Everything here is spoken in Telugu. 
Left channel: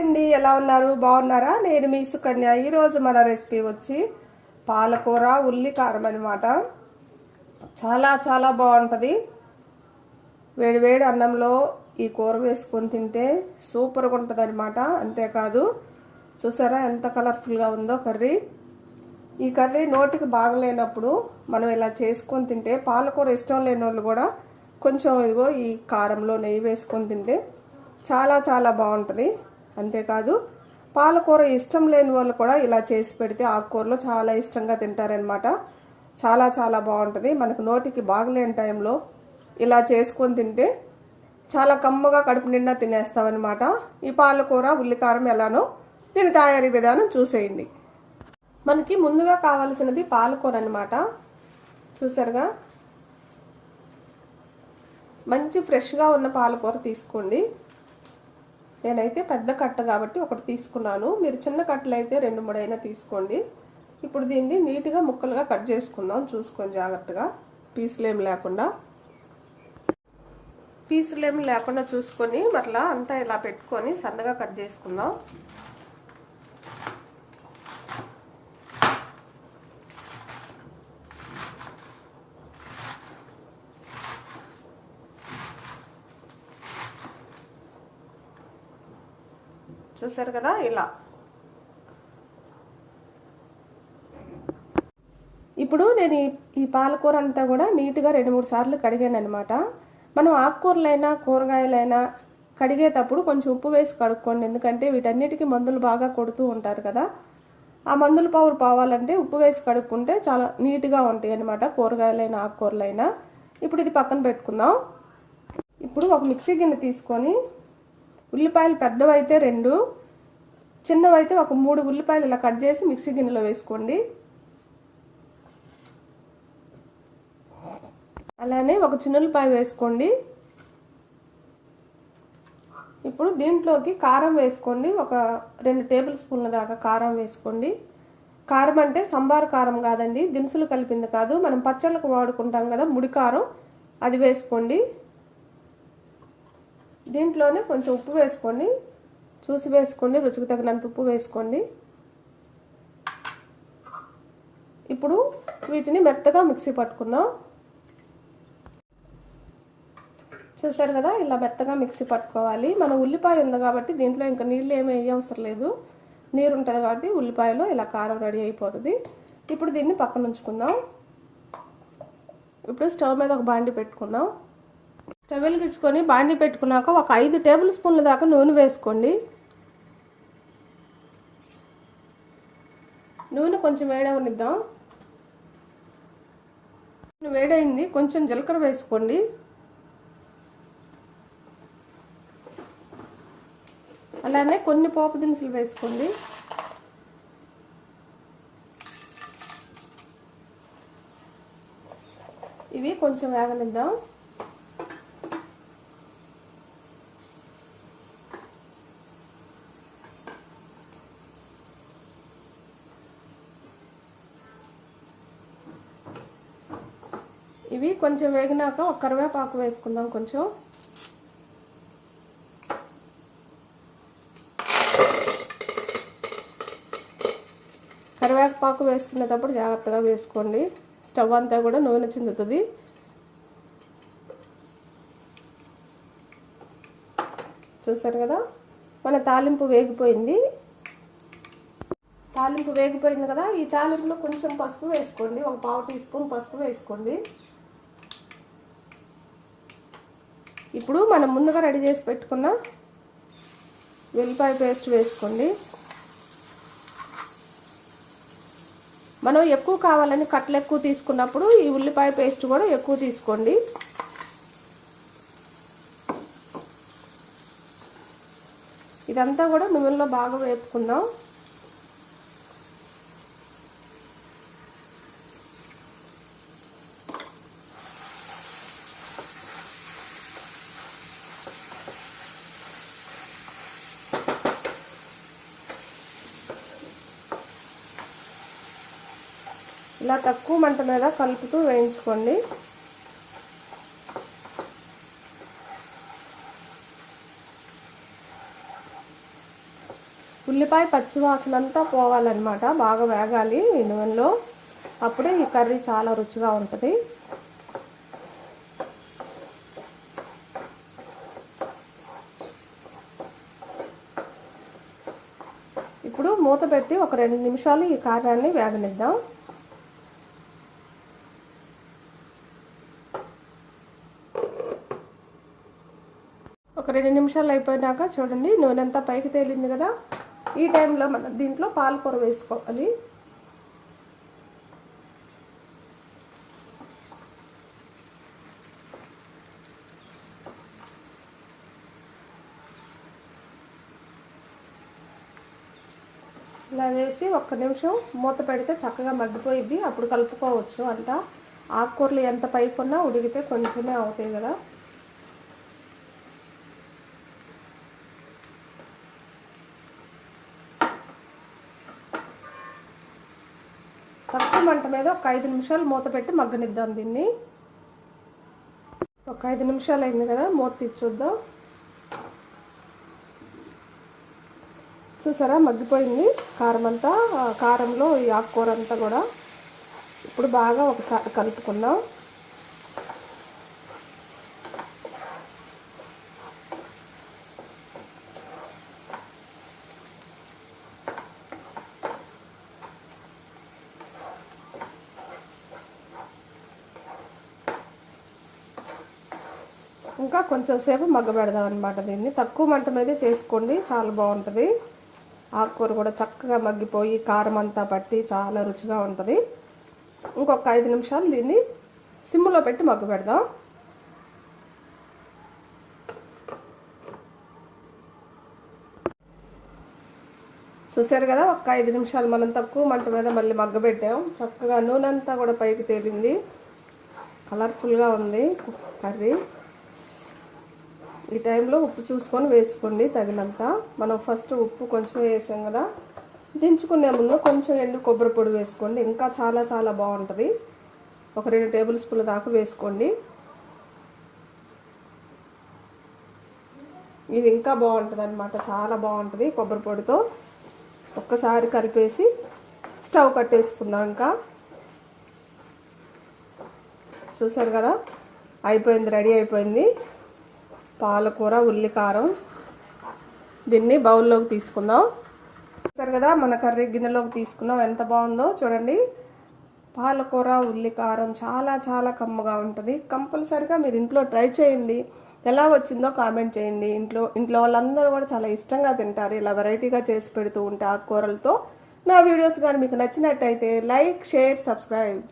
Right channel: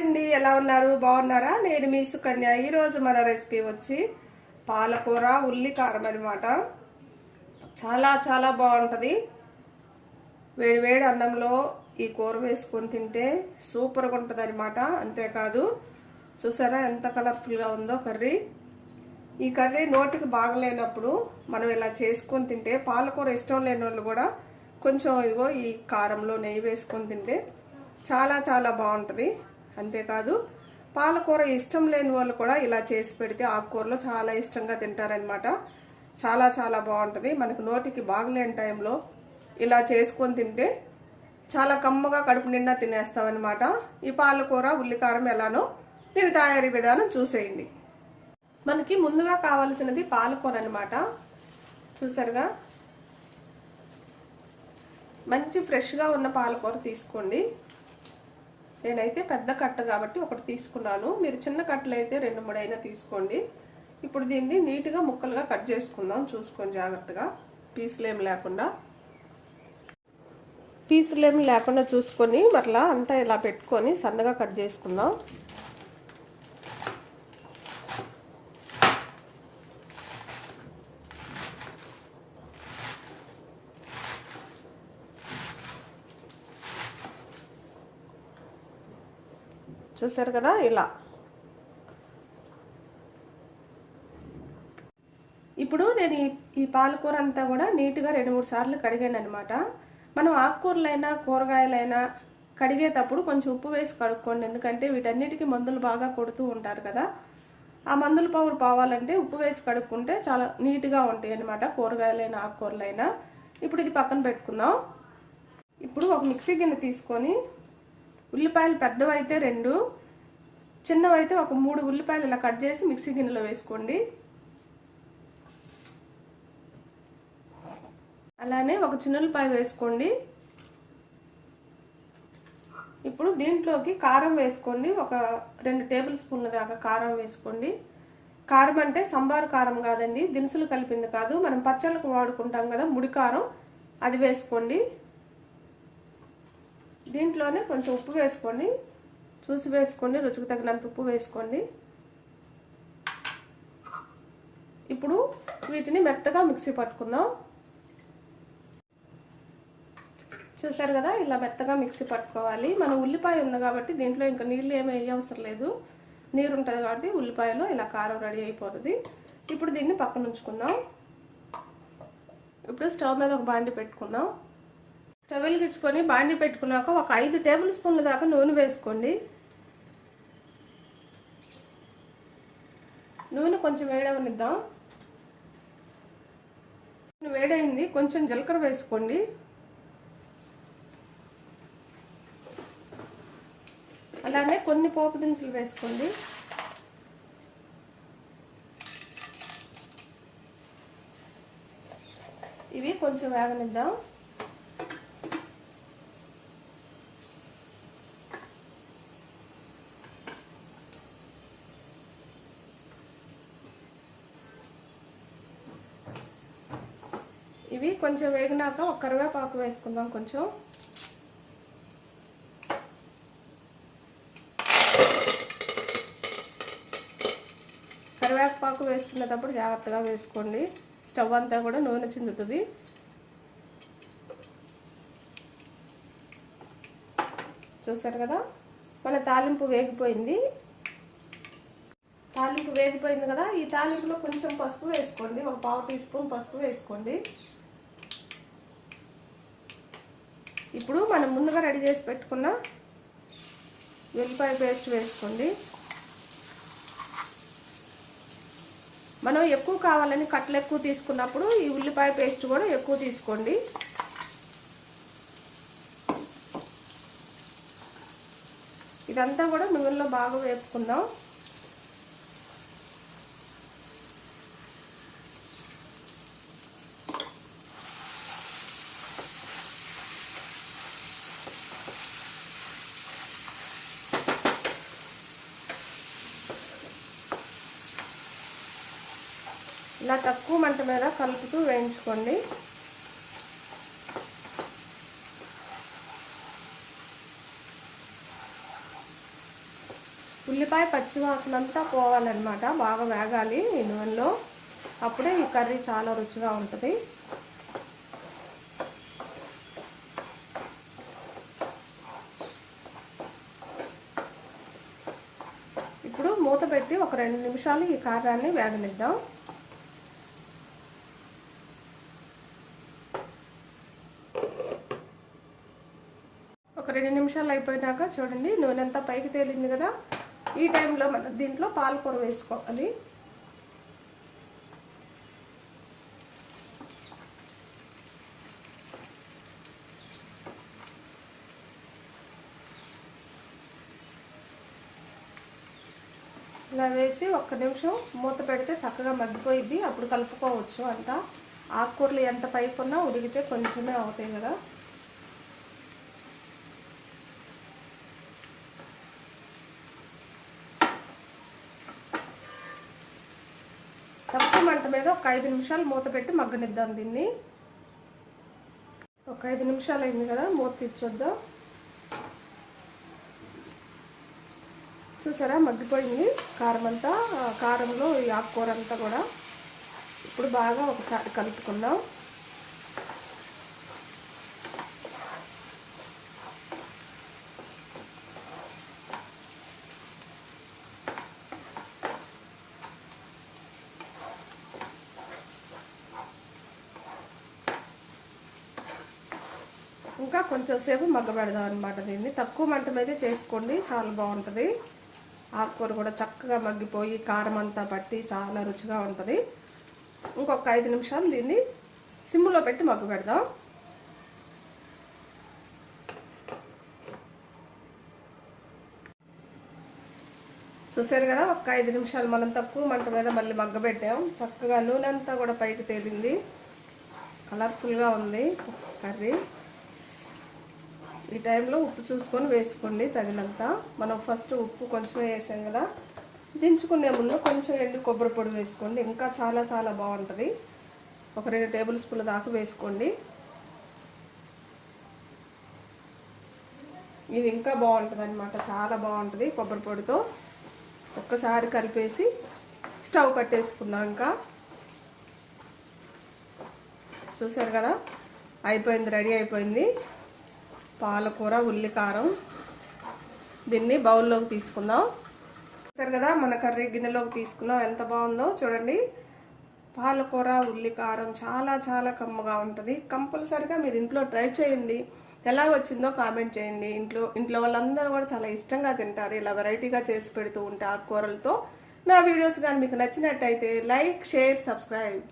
అండి, ఎలా ఉన్నారు? బాగున్నారా? నేను మీ సుకన్య. ఈరోజు మన రెసిపీ వచ్చి పాలకూర ఉల్లి కారం అనమాట. చాలా చాలా బాగుంటుంది. వేడి వేడి అన్నంలో ఈ కూర వేసుకొని తింటే సూపర్గా ఉంటుంది అనమాట. అంతేకాదు, చూసారా ఎంత కలర్ఫుల్గా ఉందో కర్రీ. ఈ కర్రీ నోటికి బాగలేనప్పుడు మనం ఇలా చేసుకొని తింటే, పాలకూర ఇష్టం లేని వాళ్ళు కూడా కొంచెం ఇదిగో ఈ కారంలో నెయ్యి వేసుకొని తింటే చాలా చాలా బాగుంటుంది. అంతేకాదు, పాలకూర ఇష్టం లేని వాళ్ళు కూడా ఇలా చేసి పెడితే ఆకుకూరలో చాలా ఇష్టంగా తింటారనమాట. చాలా చాలా బాగుంటుంది. మనకు నోటికి బాగలేని టైంలో ఇలా చేసుకొని తింటే చాలా కమ్మగా కడుపు నిండా తినేస్తామన్నమాట. ఈ పాలకూర ఉల్లికారం ఎలానో దీని తయారీ విధానం చూసేయండి. మనకి ముందుగా కావాల్సినది పాలకూర అనమాట. చూసారుగా, మంచి ఫ్రెష్గా ఉన్న పాలకూర తీసుకోండి. నేనైతే పెద్ద కట్ట కాబట్టి ఒకటి తీసుకున్నాను. మీరు చిన్న కట్టలు అయితే 2-3 అయినా తీసుకోండి. ఇప్పుడు దీన్ని నీట్గా ముక్కలుగా కట్ చేసుకుందాం. చూసుకొని జాగ్రత్తగా, పీసులేమి లేకుండా చూసుకొని మరలా అంతా ఇలా పెట్టుకొని సన్నగా కట్ చేసుకుందాం. చూసారు కదా, ఇలా. ఇప్పుడు నేను ఈ పాలకూర అంతా కూడా నీట్గా 2-3 సార్లు కడిగాను అనమాట. మనం ఆకుకూరలైనా కూరగాయలైనా కడిగేటప్పుడు కొంచెం ఉప్పు వేసి కడుక్కోండి. ఎందుకంటే వీటన్నిటికీ మందులు బాగా కొడుతూ ఉంటారు కదా. ఆ మందుల పవర్ పోవాలంటే ఉప్పు వేసి కడుక్కుంటే చాలా నీట్గా ఉంటాయి అనమాట, కూరగాయలైనా ఆకుకూరలైనా. ఇప్పుడు ఇది పక్కన పెట్టుకుందాం. ఇప్పుడు ఒక మిక్సీ గిన్నె తీసుకొని, ఉల్లిపాయలు పెద్దవైతే 2, చిన్నవైతే ఒక 3 ఉల్లిపాయలు ఇలా కట్ చేసి మిక్సీ గిన్నెలో వేసుకోండి. అలానే ఒక చిన్న ఉల్లిపాయ వేసుకోండి. ఇప్పుడు దీంట్లోకి కారం వేసుకోండి. ఒక 2 టేబుల్ స్పూన్ల దాకా కారం వేసుకోండి. కారం అంటే సంబార్ కారం కాదండి, దినుసులు కలిపింది కాదు. మనం పచ్చళ్ళకు వాడుకుంటాం కదా ముడి కారం, అది వేసుకోండి. దీంట్లోనే కొంచెం ఉప్పు వేసుకోండి. చూసి వేసుకోండి, రుచికి తగినంత ఉప్పు వేసుకోండి. ఇప్పుడు వీటిని మెత్తగా మిక్సీ పట్టుకుందాం. చూసారు కదా, ఇలా మెత్తగా మిక్సీ పట్టుకోవాలి. మన ఉల్లిపాయ ఉంది కాబట్టి దీంట్లో ఇంకా నీళ్ళు ఏమీ అవసరం లేదు. నీరు ఉంటుంది కాబట్టి ఉల్లిపాయలో ఇలా కారం రెడీ అయిపోతుంది. ఇప్పుడు దీన్ని పక్కన ఉంచుకుందాం. ఇప్పుడు స్టవ్ మీద ఒక బాండి పెట్టుకుందాం. స్టవ్ వెలిగించుకొని బాండి పెట్టుకున్నాక ఒక 5 టేబుల్ స్పూన్ల దాకా నూనె వేసుకోండి. నూనె కొంచెం వేడవనిద్దాం. వేడైంది, కొంచెం జీలకర్ర వేసుకోండి. అలానే కొన్ని పోపు దినుసులు వేసుకోండి. ఇవి కొంచెం వేగనిద్దాం. ఇవి కొంచెం వేగినాక ఒక కరివేపాకు వేసుకుందాం. కొంచెం కరివేపాకు వేసుకునేటప్పుడు జాగ్రత్తగా వేసుకోండి. స్టవ్ అంతా కూడా నూనె చిందుతుంది. చూసారు కదా, మన తాలింపు వేగిపోయింది కదా. ఈ తాలింపులో కొంచెం పసుపు వేసుకోండి. ఒక 1/2 టీ స్పూన్ పసుపు వేసుకోండి. ఇప్పుడు మనం ముందుగా రెడీ చేసి పెట్టుకున్న వెల్లిపాయ పేస్ట్ వేసుకోండి. మనం ఎక్కువ కావాలని కట్టలు ఎక్కువ తీసుకున్నప్పుడు ఈ ఉల్లిపాయ పేస్ట్ కూడా ఎక్కువ తీసుకోండి. ఇదంతా కూడా నూనెలో బాగా వేపుకుందాం. ఇలా తక్కువ మంట మీద కలుపుతూ వేయించుకోండి. ఉల్లిపాయ పచ్చివాసన అంతా పోవాలన్నమాట, బాగా వేగాలి ఈ నూనెలో, అప్పుడే ఈ కర్రీ చాలా రుచిగా ఉంటుంది. ఇప్పుడు మూత పెట్టి ఒక 2 నిమిషాలు ఈ కారాన్ని వేగనిద్దాం. ఒక 2 నిమిషాలు అయిపోయినాక చూడండి నూనె అంతా పైకి తేలింది కదా. ఈ టైంలో మనం దీంట్లో పాలకూర వేసుకోవాలి. ఇలా వేసి 1 నిమిషం మూత పెడితే చక్కగా మగ్గిపోయిద్ది. అప్పుడు కలుపుకోవచ్చు అంతా. ఆకుకూరలు ఎంత పైకున్నా ఉడికితే కొంచెమే అవుతాయి కదా. తక్కువ మంట మీద ఒక 5 నిమిషాలు మూత పెట్టి మగ్గనిద్దాం దీన్ని. ఒక 5 నిమిషాలు అయింది కదా, మూత తీసి చూద్దాం. చూసారా మగ్గిపోయింది కారం అంతా, కారంలో ఈ ఆకుకూర అంతా కూడా. ఇప్పుడు బాగా ఒకసారి కలుపుకుందాం. ఇంకా కొంచెం సేపు మగ్గబెడదాం అనమాట. దీన్ని తక్కువ మంట మీదే చేసుకోండి, చాలా బాగుంటుంది. ఆకుకూర కూడా చక్కగా మగ్గిపోయి కారం అంతా పట్టి చాలా రుచిగా ఉంటుంది. ఇంకొక 5 నిమిషాలు దీన్ని సిమ్లో పెట్టి మగ్గబెడదాం. చూసారు కదా, ఒక 5 నిమిషాలు మనం తక్కువ మంట మీద మళ్ళీ మగ్గబెట్టాం. చక్కగా నూనె అంతా కూడా పైకి తేలింది, కలర్ఫుల్గా ఉంది కర్రీ. ఈ టైంలో ఉప్పు చూసుకొని వేసుకోండి తగినంత. మనం ఫస్ట్ ఉప్పు కొంచెం వేసాం కదా, దించుకునే ముందు కొంచెం ఎండు కొబ్బరి పొడి వేసుకోండి, ఇంకా చాలా చాలా బాగుంటుంది. ఒక 2 టేబుల్ స్పూన్ల దాకా వేసుకోండి. ఇది ఇంకా బాగుంటుంది అనమాట, చాలా బాగుంటుంది కొబ్బరి పొడితో. ఒక్కసారి కలిపేసి స్టవ్ కట్టేసుకుందాం. ఇంకా చూసారు కదా, అయిపోయింది, రెడీ అయిపోయింది పాలకూర ఉల్లికారం. దీన్ని బౌల్లోకి తీసుకుందాం. చూసారు కదా, మన కర్రీ గిన్నెలోకి తీసుకున్నాం. ఎంత బాగుందో చూడండి. పాలకూర ఉల్లికారం చాలా చాలా కమ్మగా ఉంటుంది. కంపల్సరిగా మీరు ఇంట్లో ట్రై చేయండి. ఎలా వచ్చిందో కామెంట్ చేయండి. ఇంట్లో వాళ్ళందరూ కూడా చాలా ఇష్టంగా తింటారు ఇలా వెరైటీగా చేసి పెడుతూ ఉంటే ఆకుకూరలతో. నా వీడియోస్ కానీ మీకు నచ్చినట్టయితే లైక్, షేర్, సబ్స్క్రైబ్.